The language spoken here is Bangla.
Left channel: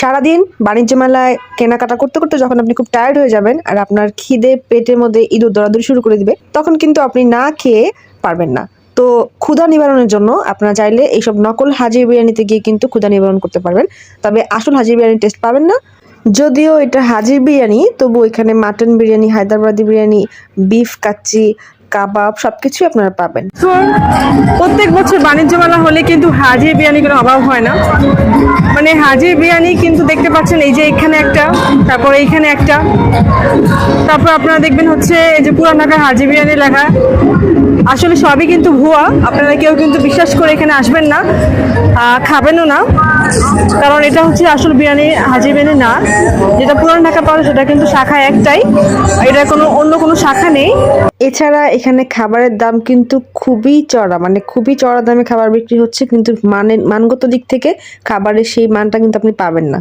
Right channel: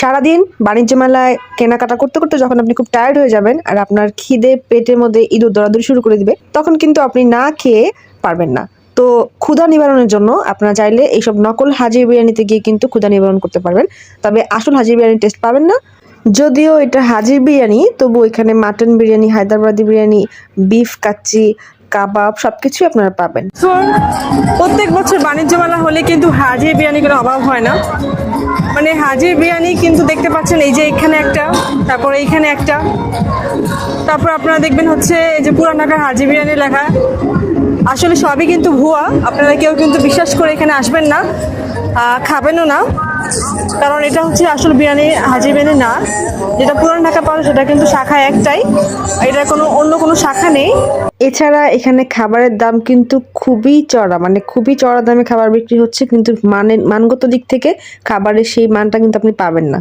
সারাদিন বাণিজ্য মেলায় কেনাকাটা করতে করতে যখন আপনি খুব টায়ার্ড হয়ে যাবেন আর আপনার খিদে পেটের মধ্যে ইঁদুর দৌড়াদৌড়ি শুরু করে দিবে, তখন কিন্তু আপনি না খেয়ে পারবেন না। তো ক্ষুধা নিবারণের জন্য আপনারা চাইলে এইসব নকল হাজির বিরিয়ানিতে গিয়ে কিন্তু ক্ষুধা নিবারণ করতে পারবেন, তবে আসল হাজির বিরিয়ানির টেস্ট পাবেন না। যদিও এটা হাজির বিরিয়ানি, তবু এখানে মাটন বিরিয়ানি, হায়দ্রাবাদি বিরিয়ানি, বিফ কাচ্চি, কাবাব সবকিছুই আপনারা পাবেন। তো প্রত্যেক বছর বাণিজ্য মেলা হলে কিন্তু হাজির বিরিয়ানি কোনো অভাব হয় না। মানে হাজির বিরিয়ানি কিন্তু দেখতে পাচ্ছেন, এই যে এখানে একটা, তারপর এইখানে একটা, তারপর আপনারা দেখবেন হচ্ছে এই যে পুরান ঢাকার হাজির বিরিয়ানি লেখা। আসলে সবই কিন্তু ভুয়া, আপনারা কেউ কিন্তু বিশ্বাস করে এখানে আসবেন না, খাবেনও না, কারণ এটা হচ্ছে আসল বিরিয়ানি, হাজির বিরিয়ানি না। যেটা পুরান ঢাকা পাওয়া সেটা কিন্তু শাখা একটাই, এটা অন্য কোনো শাখা নেই। এছাড়া এখানে খাবারের দাম কিন্তু খুবই চড়া, মানে খুবই চড়া দামে খাবার বিক্রি হচ্ছে, কিন্তু মানগত দিক থেকে খাবারের সেই মানটা কিন্তু আপনি পাবেন না।